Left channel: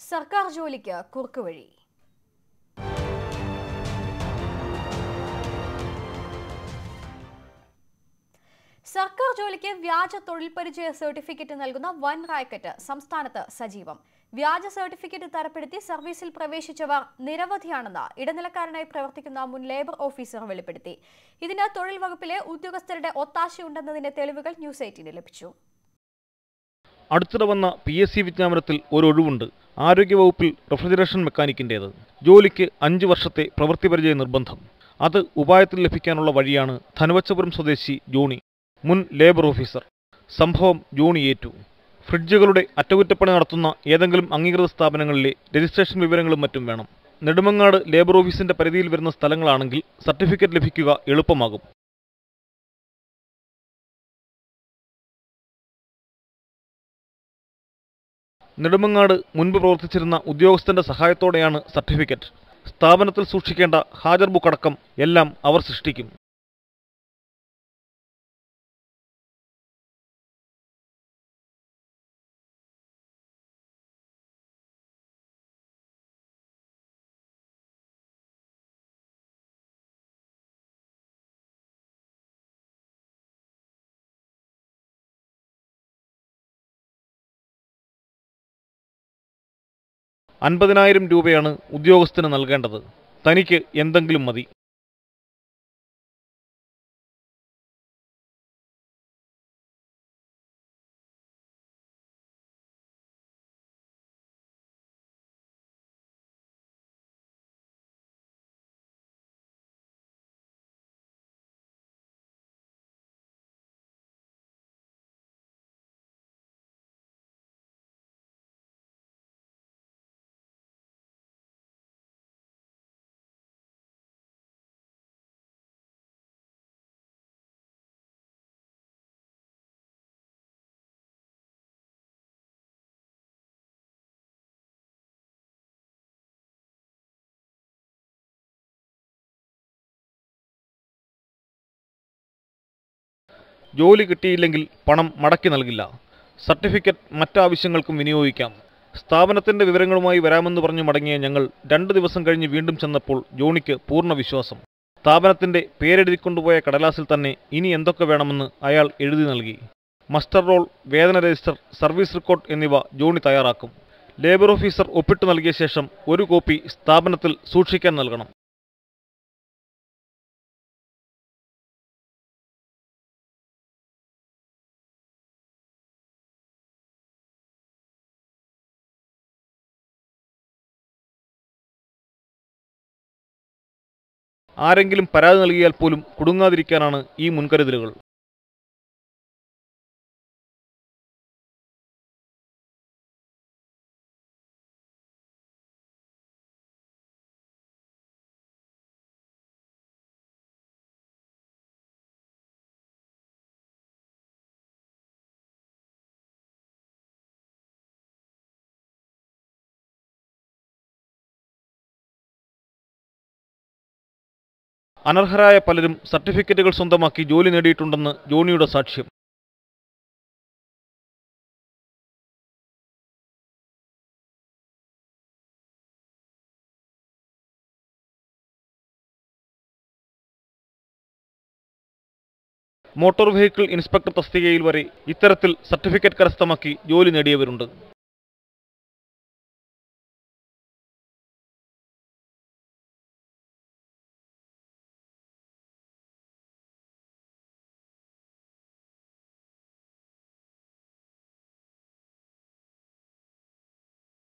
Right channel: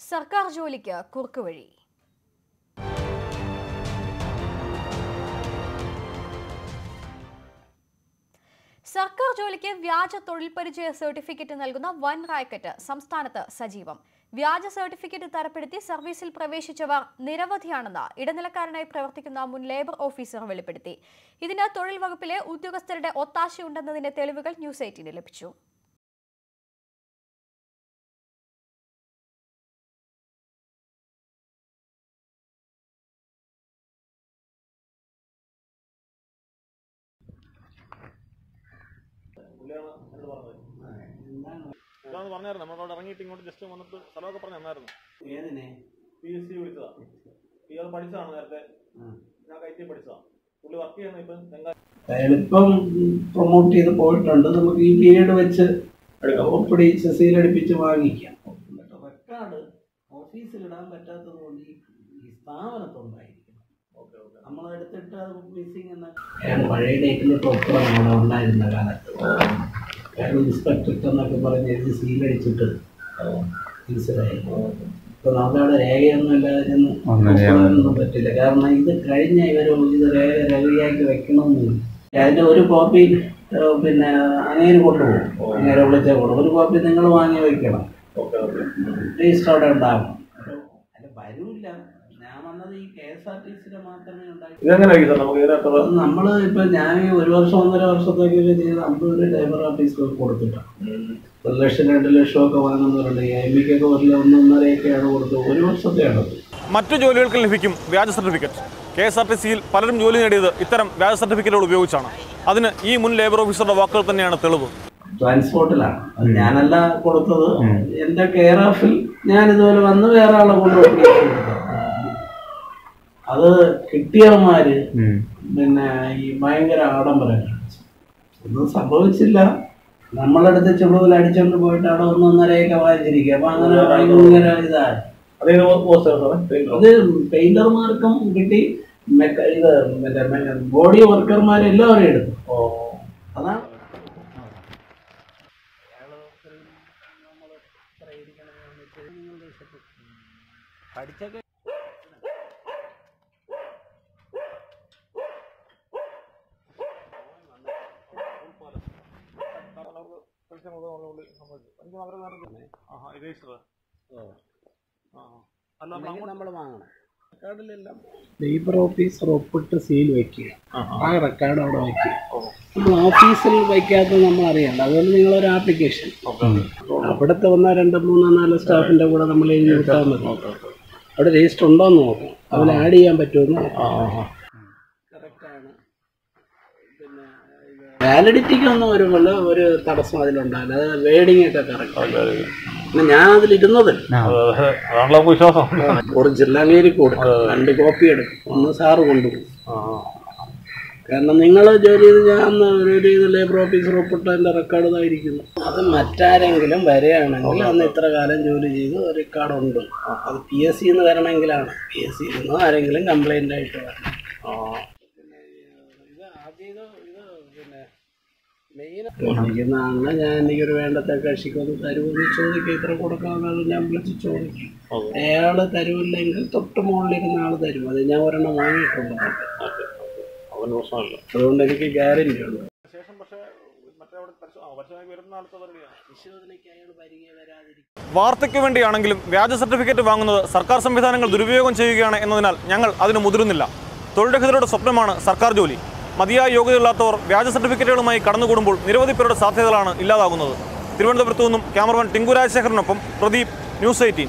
സർക്കാർ ജോലിക്ക് കുറുക്കുവഴി. സർക്കാർ ജോലിക്ക് വ്യാജ തൊഴിൽ പരിചയ സർട്ടിഫിക്കറ്റ് നൽകുന്ന വൻ റാക്കറ്റ് സംസ്ഥാനത്ത് സജീവം. വ്യാജ സർട്ടിഫിക്കറ്റ് തരപ്പെടുത്തി സർവീസിൽ പ്രവേശിച്ചവർ നിരവധിയാണെന്ന് ഇടനിലക്കാരനായി പ്രവർത്തിക്കുന്ന മുൻ ലേബർ ഓഫീസർ വെളിപ്പെടുത്തി. ഇതിന് തൊഴിൽ വകുപ്പിലെ ഉദ്യോഗസ്ഥരുടെ ഒത്താശയുണ്ടെന്നതിന്റെ തെളിവുകൾ ന്യൂസ് 18 ലഭിച്ചു. അടുത്തിടെ വന്ന PSC വിജ്ഞാപനത്തിൽ ഒരു ഒഴിവുണ്ട്. ആരോഗ്യവകുപ്പിൽ റെഫ്രിജറേഷൻ മെക്കാനിക്കിൻ്റേത്. ജോലിക്ക് 5 വർഷത്തെ പ്രവൃത്തി പരിചയ നിർബന്ധം. അത് ഉപായത്തിൽ ലഭിക്കാനുള്ള വഴിയാണ് ധനുവച്ചപുരം സ്വദേശി ജോണി, മുൻ ലേബർ ഓഫീസർ. സംഭവം ജോണി ഏറ്റു. ഫ്രിഡ്ജുകളുടെ അറ്റകുറ്റപ്പണി നടത്തുന്ന ഏതെങ്കിലും അംഗീകൃത സ്ഥാപനങ്ങളിലെ രജിസ്ട്രേഷൻ വിവരങ്ങളും മറ്റും വേണം. നെടുമങ്ങാട് ലേബർ ഓഫീസിന്റെ പരിധിയിൽ വരുന്ന സ്ഥലങ്ങളാണെങ്കിൽ സർട്ടിഫിക്കറ്റ് ലഭിക്കുക എളുപ്പമാകും. എളുപ്പം പ്രൊമോട്ട് ചെയ്ത് പോയിട്ടുണ്ട്. നമുക്ക് ഈ പീരീഡ് വെച്ച് വാങ്ങിക്കാം. നെടുമങ്ങാട് മുൻപ് പ്രവർത്തിച്ചിരുന്ന ഉദ്യോഗസ്ഥന്റെ സഹായത്തോടെയാണ് സർട്ടിഫിക്കറ്റ്. സ്ഥാപനത്തിൽ സൂക്ഷിക്കേണ്ട ഹാജർ ബുക്ക് അടക്കം എല്ലാം അവർ സൃഷ്ടിക്കും. പഴയ ഡേറ്റിൽ ഉണ്ടായിരുന്ന കാലത്ത് ഇൻസ്പെക്ടർ എന്നൊക്കെ പറഞ്ഞ് എഴുതി സീലടിച്ചിട്ട് മനസ്സിലായി. ഇപ്പൊ നമ്മുടെ രേഖയൊന്നും ഇല്ലാതെ പറ്റില്ല. കാരണം ഇത് കഴിഞ്ഞ ഇവർ ഇത് രേഖയാക്കി വെക്കണമെന്നില്ല. അതിന്റെ ഒരു കോപ്പി പിന്നെ അങ്ങനെ കൊണ്ടുപോകും. അങ്ങനെ വിളിച്ചാൽ കൊടുക്കും. ഒരു കോപ്പി നിങ്ങൾ വാങ്ങി വയ്ക്കണം. രജിസ്റ്റർ അവിടെ ഉണ്ടാകും. 50,000 രൂപയാണ് ഉദ്യോഗസ്ഥന് നൽകേണ്ടത്. തനിക്ക് എന്തെങ്കിലും മതി. നമ്മള് ഇപ്പൊ ഞാൻ 1 വർഷം 1.5 വർഷത്തേക്ക് ചെയ്ത് 50 ലേബർ ഓഫീസ് കൊടുത്തിട്ടാണ്. 1 ലക്ഷം 2 ലക്ഷം ഒക്കെ വാങ്ങുന്നവരുണ്ട്. MBക്കൊക്കെ 1.5 കൊടുത്തു. 1 വർഷത്തെയാണ്. മറ്റു ജോലികൾക്ക് ലഭിക്കും വ്യാജ സർട്ടിഫിക്കറ്റ്. KSRTCയിൽ പലരും ജോലി നേടിയത് ഇത്തരം വ്യാജ സർട്ടിഫിക്കറ്റുകൾ ഉപയോഗിച്ചാണ്. അതിന് ഈ മുൻ ലേബർ ഓഫീസറുടെ വാക്കുകൾ തന്നെയാണ് തെളിവ്. ട്രാൻസ്പോർട്ടിലാണ് അത് ഞാനല്ല കൊടുത്തത്. എന്റെ കെയർ ഓഫിൽ ഞാൻ ഇതുപോലെ വന്ന് വേറെ ആളെ കൊണ്ടുപോയി. അത് കിട്ടിയവന്മാര് പിന്നെ ഈ ഭയങ്കര ആഡംബരം കാണിച്ചു. ഒന്നും സംഭവിച്ചില്ല. നമ്മളടുത്ത് ചുമതല അടിച്ചോണ്ട് പോയിട്ട് അവിടെ 1.5 വാങ്ങിച്ചിരിക്കുക. അപ്പൊ അങ്ങനെ ഭയങ്കര ഇതായി. അത് പെയിന്റർമാർക്കും കിട്ടി, ബോഡി വർക്കർമാരെല്ലാവരും എടുത്തു. ജോലി കിട്ടിയില്ലെങ്കിൽ പണം മടക്കി നൽകില്ല. സർട്ടിഫിക്കറ്റ് മറ്റാവശ്യങ്ങൾക്കും വിനിയോഗിക്കാം. സ്ഥാപനത്തിന്റെ വിവരങ്ങളുമായി വരാമെന്ന് പറഞ്ഞു മടങ്ങിയ ഞങ്ങൾ 2 ദിവസം കഴിഞ്ഞ് വീണ്ടും ചെന്നപ്പോൾ ജോണിക്ക് പൂർണ്ണ വിശ്വാസം. സ്ഥാപനത്തിന്റെ പേരെഴുതിക്കൊണ്ടുപോയ കടലാസിൽ തന്നെ ഇനി എന്തൊക്കെ വേണമെന്ന് അയാൾ എഴുതി നൽകി. മസ്റ്റർ റോൾ, വേതന രജിസ്റ്റർ, സർവീസ് റെക്കോർഡ് എന്നിവ ജോണി തയ്യാറാക്കും. ലേബർ ഓഫീസർ ഒപ്പിട്ട് നൽകിയ ശേഷം ഒരു കോപ്പി സ്ഥാപനത്തിൽ സൂക്ഷിക്കാൻ നൽകണം. ലേബർ ഓഫീസർ ഒപ്പിട്ട് സീൽ വയ്ക്കുക. ആ റെക്കോർഡ് അവിടെ വയ്ക്കുക. ഓഫീസിൽ വയ്ക്കാത്ത നമ്മൾ അറിയണ്ട. അതുകൊണ്ട് നിങ്ങളൊരു ആപ്ലിക്കേഷൻ അവിടുത്തെ 1, 2, 3, 4 സ്റ്റാഫിന്റെ കൂടെ നമ്മൾ എഴുതി വിട്ടാൽ മതി. അവിടെ രജിസ്റ്റർ ഉണ്ടോയെന്ന് നോക്കാം. അതിൽ ആഡ് ചെയ്യാൻ പറ്റുമെന്ന്. ആരെങ്കിലും പരാതി നൽകിയാൽ പോലും കുടുങ്ങാതിരിക്കാനാണ് ഈ മുൻകരുതലുകൾ. വാലിഡിറ്റിക്കൊന്നും ഒരു തടസ്സം അതിലുണ്ടാവില്ല. അത് വേഡിങ് ഒക്കെ കറക്റ്റ്. ഞാൻ അതിലിരുന്നത് ഒറിജിനൽ അംഗീകരിക്കും കൊടുക്കും. 2 കോപ്പി എടുക്കും. 1 സാറ് കൊണ്ടുപോകും. കാരണം നിങ്ങൾ ജോലി ചെയ്ത് ഞാൻ ഒരു ലേബർ ഓഫീസർ ഒപ്പിട്ട് എൻ്റെ റെക്കോർഡ് ഇതായിരിക്കുന്നു. അത് മറ്റാരെങ്കിലും വരികയാണെങ്കിൽ അന്ന് ഇത്ര കാലം ജോലി ചെയ്ത് റെക്കോർഡുണ്ട്. അത് PSC വരണമെങ്കിലാണ്. PSC ആരെങ്കിലും കംപ്ലൈൻ്റ് ആയിട്ട് വരണം. അനർഹരായ പലരും സർട്ടിഫിക്കറ്റുകൾ സ്വന്തമാക്കി ജോലി നേടിയിട്ടുണ്ടെന്ന് ജോണിയുടെ സാക്ഷ്യം. എനിക്കൊരു വേണ്ടത്തെ കക്ഷിക്കൊന്ന് തരുമെന്ന് ചോദിക്കുക. ഇത്ര കൊടുക്കാമെന്നത് ഞാൻ വിളിച്ച് ചോദിക്കും. അയാൾ തരുമില്ലെങ്കിൽ തൊട്ട് മുകളിലിരുന്ന ആൾ തരും. അത് ഞാൻ ഒരെണ്ണം വാങ്ങിയിട്ടുണ്ട്. അതുകൊണ്ട് എനിക്ക് ഗ്യാരണ്ടി ഉണ്ട്. മോട്ടോർ വെഹിക്കിൾ ഇൻസ്പെക്ടർ തസ്തികയിൽ വരെ ഇത്തരത്തിൽ സർട്ടിഫിക്കറ്റ് കരസ്ഥമാക്കി ജോലി നേടിയവരുണ്ട്. വാർത്തയ്ക്ക് വേണ്ടിയാണെങ്കിലും വ്യാജ സർട്ടിഫിക്കറ്റ് വാങ്ങുന്നത് സർക്കാർ സംവിധാനങ്ങൾ ദുരുപയോഗം ചെയ്യുകയാണ് എന്നതിനാൽ ഞങ്ങൾ അതിന് മുതിരുന്നില്ല. തൊഴിൽരഹിതരുടെ സ്വപ്നമാണ് സർക്കാർ ജോലി. മതിയായ യോഗ്യതയില്ലാത്തവർ വ്യാജ സർട്ടിഫിക്കറ്റുകളുമായി കടന്നുകൂടുമ്പോൾ നിരവധി പേരുടെ സാധ്യതകളാണ് ഇല്ലാതാകുന്നത്. തിരുവനന്തപുരത്തു നിന്നും ക്യാമറമാൻ ടിങ്കു രാജശേഖരനൊപ്പം പ്രദീപ്, ന്യൂസ് 18.